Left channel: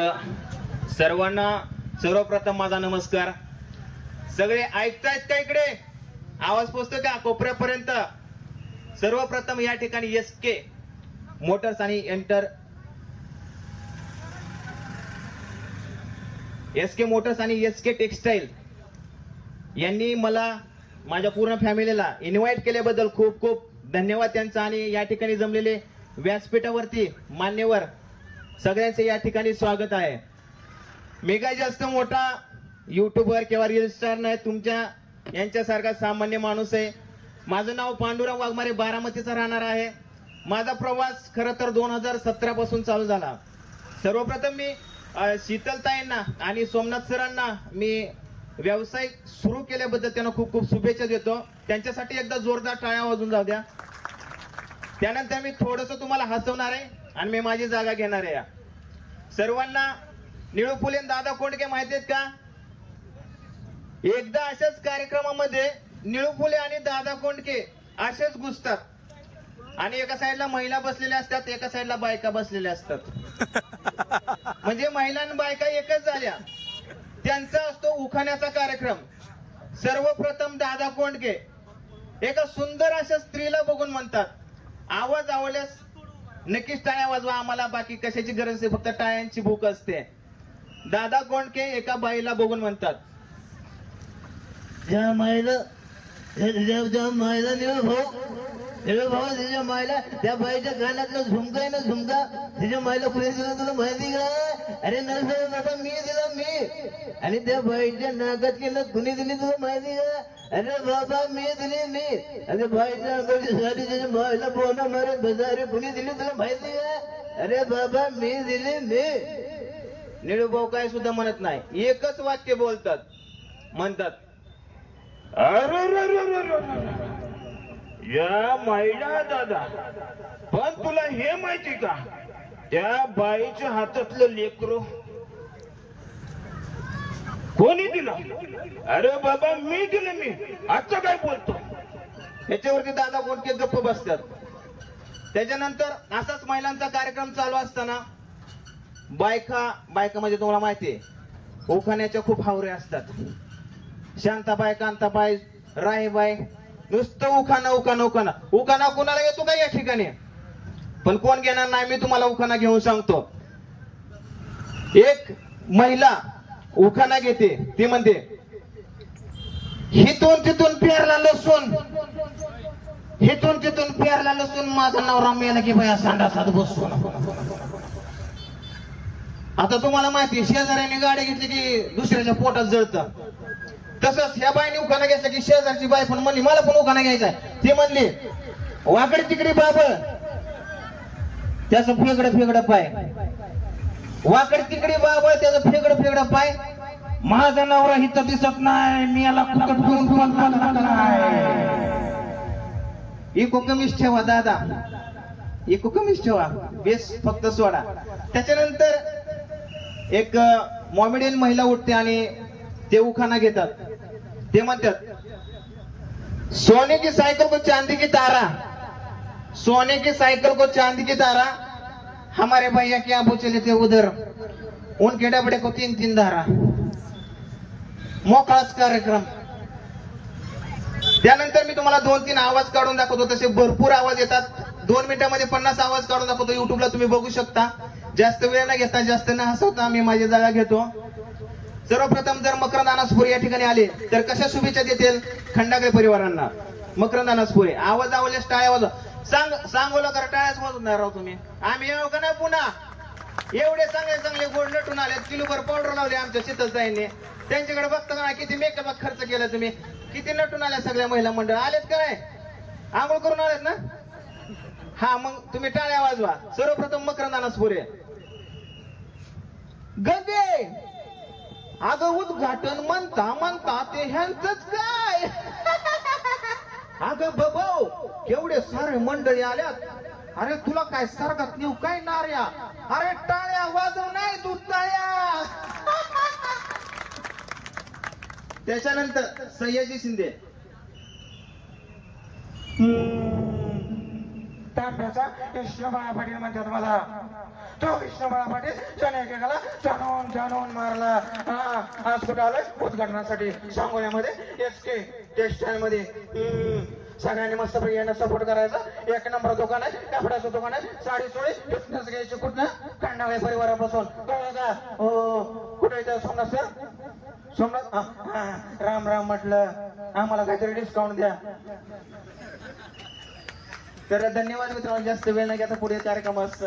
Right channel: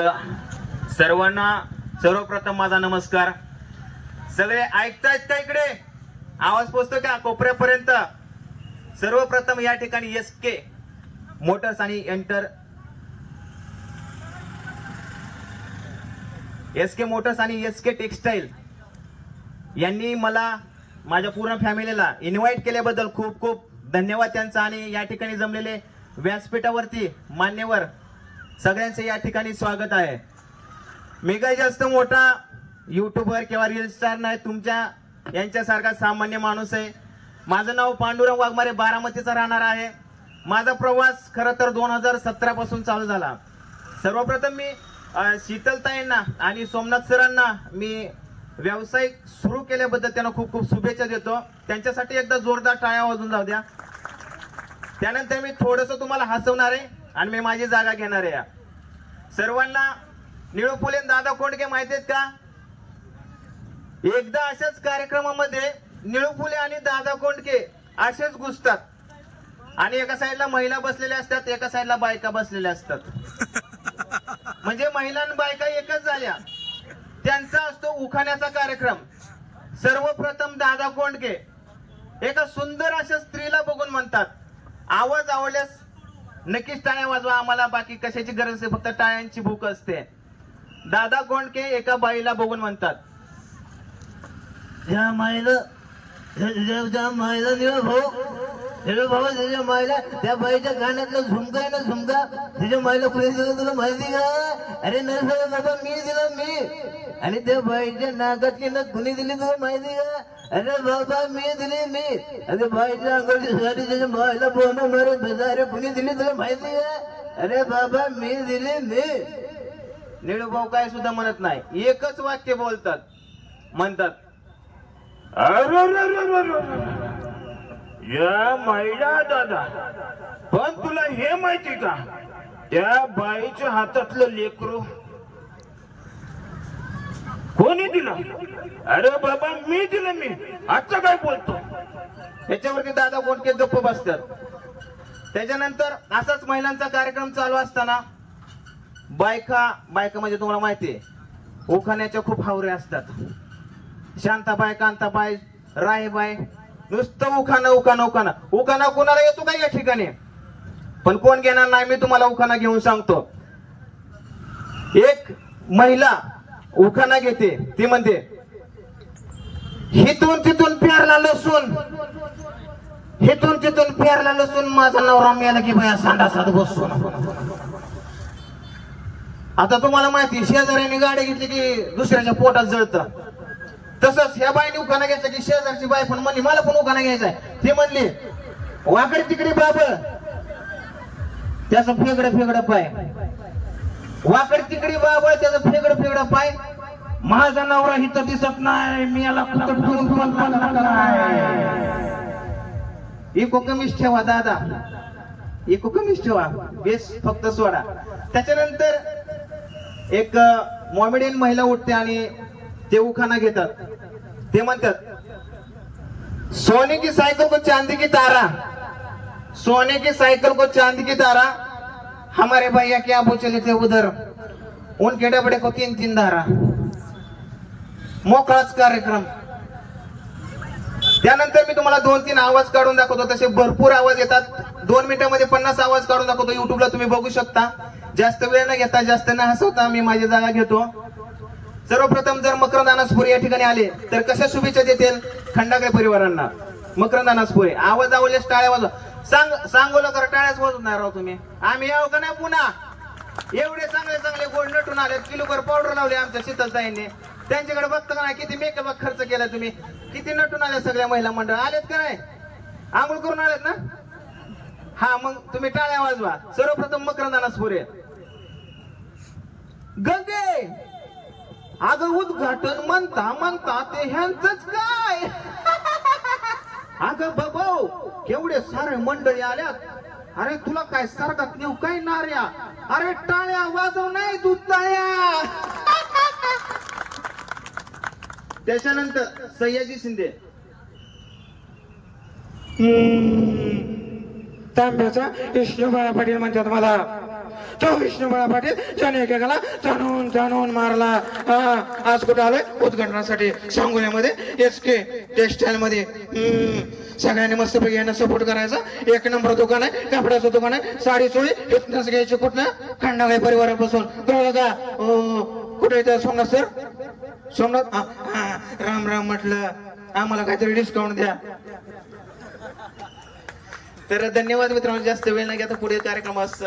सर्वांना सर्वप्रथम माझा नमस्कार. सगळे ऐकतायत का? इकडे आवाज पोहोचतो का कोपऱ्यापर्यंत? सर्वप्रथम या ठिकाणी एसके मोटर्स आणि एसके टेक्सटाईल यांनी मला माझ्या पूर्ण फॅमिलीला इन्व्हाइट केल्याबद्दल खूप खूप धन्यवाद त्यांचा. आणि या ठिकाणी जमलेले व्यासपीठावरती मान्यवर सगळ्यांचे या ठिकाणी स्वागत आहे. मी काही जास्त मोठा युट्यूबर किंवा रील स्टार नाही, तुमच्या यांच्यासारखा सामान्य माणूस आहे. माझं नाव पांडुरंग वाघमारे, बारामतीचा राहणार आहे. माझा प्रवास खरं तर 2017 पासून चालू झाला. सर्वप्रथम मी शीतलताईंना आणि सोमनाथ सरांना मी व्यवसाय सुरू केल्याबद्दल त्यांना खूप खूप शुभेच्छा देतो. त्यांच्यासाठी एकदा जोरदार टाळ्या वाजून जाऊ द्या. त्यानंतर मी थोडस तुम्हाला हसवणार आहे आणि मी माझी जागा घेणार आहे. सर्वांना निळू फुले दादा कोंडके माहिती आहेत का? एकदा अशाच कार्यक्रमामध्ये निळू फुले आणि दादा कोंडके असेच घुसतात आणि एका साईडला महिला बसलेल्या असतात, एका साईडला बायका बसलेल्या असतात. म्हणजे महिला आणि बायका एकच झाल्या. त्यांचा असतो उखाण्याचा कार्यक्रम. सर्वप्रथम दादा कोंडके एका सुंदर अशा स्त्रीला बघून म्हणतात, आवाज आवडल्यास नक्कीच टाळ्या वाजवा, आम्हाला बाकी कशाची गरज आहे, फक्त टाळ्यांची भूक असते. दादा कोंडके एका बाईला बघून म्हणतात, ज्या माईला त्याच्या माईला त्या बाईच्या कानातलं झुमका आहे ना, झुमका तिच्या माईला कुणी दिलं तुला माहिती का? अरे नसर बाबा मी दिलं मी. आणि त्या बाईच्या नाकातली नस कुणी दिली तुला माहिती का? अरे बाबा मी दिली मी. अरे बाईच्या अंगाची साडी त्याच्या माईला बोना मारत बसा, अरे कुणी दिली तुला माहिती का? अरे बाबा मी दिली मी. निळूभाऊ काय सुद्धा म्हणत नाही, एकच वाक्य बोलतात, म्हणतात, या महिला दादा, पण तुला हे माहिती का, त्या बाईच्या हातातलं लेकरू कोणी दिलं? अरे बाबा मी दिलं मी. आता काय बोलतो? याच्यावरती दादा कोंडके गप्प बसतात. त्याच्यानंतर असाच महिलांचा कार्यक्रम चालू असताना बायका म्हणजे तुम्हाला माहितीये उखाण्याच्या खूप हावरे असतात. शांताबाई, कांताबाई, राहीबाई, नुसतं उखाणा कोणाला येतो का या ठिकाणी? पण कोण घेणार नाही, मी तुम्हाला उखाणा घेऊन सांगतो. एक महिला उखाणा घेते, ती म्हणते, हिथून तिथून प्यारला लसूण, हिथून तिथून प्यारला लसूण, माझा नवरा मेला की भया सांडासात बसून. आता तुम्हाला माहिती, शेजाऱ्याने गाडी घेतली की दुसऱ्याच्या पोटात जळतं. तसंच ह्या बाईने उखाणा घ्यायचा की शेजारची बाई पण म्हणली मला पण उखाणा घ्यायचाय. ती म्हणली, वाकडी तिकडी बाबळ त्याचं फेगडं पाय, वाकडी तिकडी बाबळ त्याचं फेगडं पाय, माझा नवरा हिथं दिसत नाही, मी याला इको कमीच ठेवा दादा, इको कमीच ठेवा, बेस फक्त सोडा. त्याच्यानंतर एक मॉमेडियन महिला उठते आणि ते उखाणा घेतात. ते म्हणतात, सोने की साइकिल को चांदी की तारा, सोने की साइकिल को चांदी की तारा, हमारे भैया क्या चले थे उधर, उनके डबडे को 3-3 धारा. मोकळाच कार्यक्रम. त्यानंतर मी तुम्हाला 2-3 आवाज काढून दाखवतो. तसे भरपूर आवाज येतात. 2 मिनिटांमध्ये 50 आवाज काढून दाखवतो. युट्यूबला तुम्ही बघू शकता. जास्त वेळ न घेता, जास्त न हसवता मी माझी जागा घेतो. सर्वप्रथम जर मकरंद अनासपुरे या ठिकाणी आले तर कशा शुभेच्छा देतील खंडागळे परिवारांना? मकरंद अनासपुरे, आवाज आवडल्यास टाळ्या वाजवा. सांगू नका टाळ्याच वाजवणार राव तुम्ही. आम्ही यावं का नाही पुन्हा? एवढे चांगले गोड नटून आलेत, किलोभर पावडर लावले आमच्या शीतलताईंनी. त्यांच्याकडे बघता का नाही किती मेकअप खर्च केला तुम्ही? किती नटून आल्या सगळ्या महिला मंडळ आलेत का नाही? आंघोळ करून आलेत ना? हा, मग तुम्ही टाळ्या वाजवा. सर्वप्रथम मकरंद अनासपुरे. गंगे अगं उद्घाटन म्हणता ते ह्यांचंच काय? अगं बबो केवढे सारे मंडळी आल्यात. अरे तुला काय सरकात नेऊ काय नार्या? अरे टाळ्या वाजव नाही तू टाळ्या. त्याच्यानंतर सयाजी शिंदे, तांब्याचा विष्णुबाळा पाटील म्हणतात मला. तो विष्णू बाळा पाटील त्याने एकेकाला जाणून मारला. आज कुठं आलोय उद्घाटनासाठी सांगोल्यामध्ये SK टेक्सटाईल मध्ये. सगळ्यांनी मस्तपैकी यांना सपोर्ट करायचा. 1 नंबर दुकान आहे, कपड्याचं दुकान आहे, साडी चोळी इथनच घ्यायची. कुठनं खंडाळी परिवारापासून कळलं का? कुठे येतं सोमनाथ सर? सोमनाथ राम राम म्हटलं, आम्हाला काहीतरी डिस्काउंट द्या. तर धन्यवाद मित्रांनो, जास्त वेळ नाही, आता पुढे कार्यक्रमास